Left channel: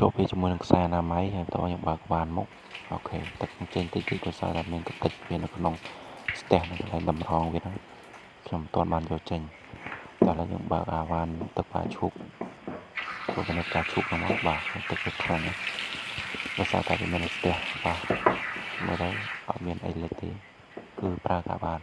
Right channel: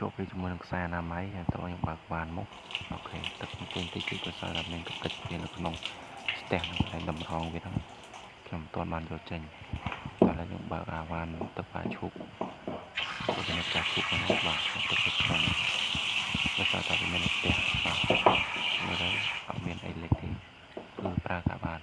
chụp về cho mình xe là máy hay tôi những bạc bàn mốc ok tất trên tí tí của sao là mình có tịch về nó có nông stem nó lại đầm rong với nó trong toàn bàn cho trình đó là những bạc van tất cả chụp của bên này chụp nó bạc tất cả phần và sao tại vì mình stem và mới đấy ở miền ấy lấy tí cứ pra cả bàn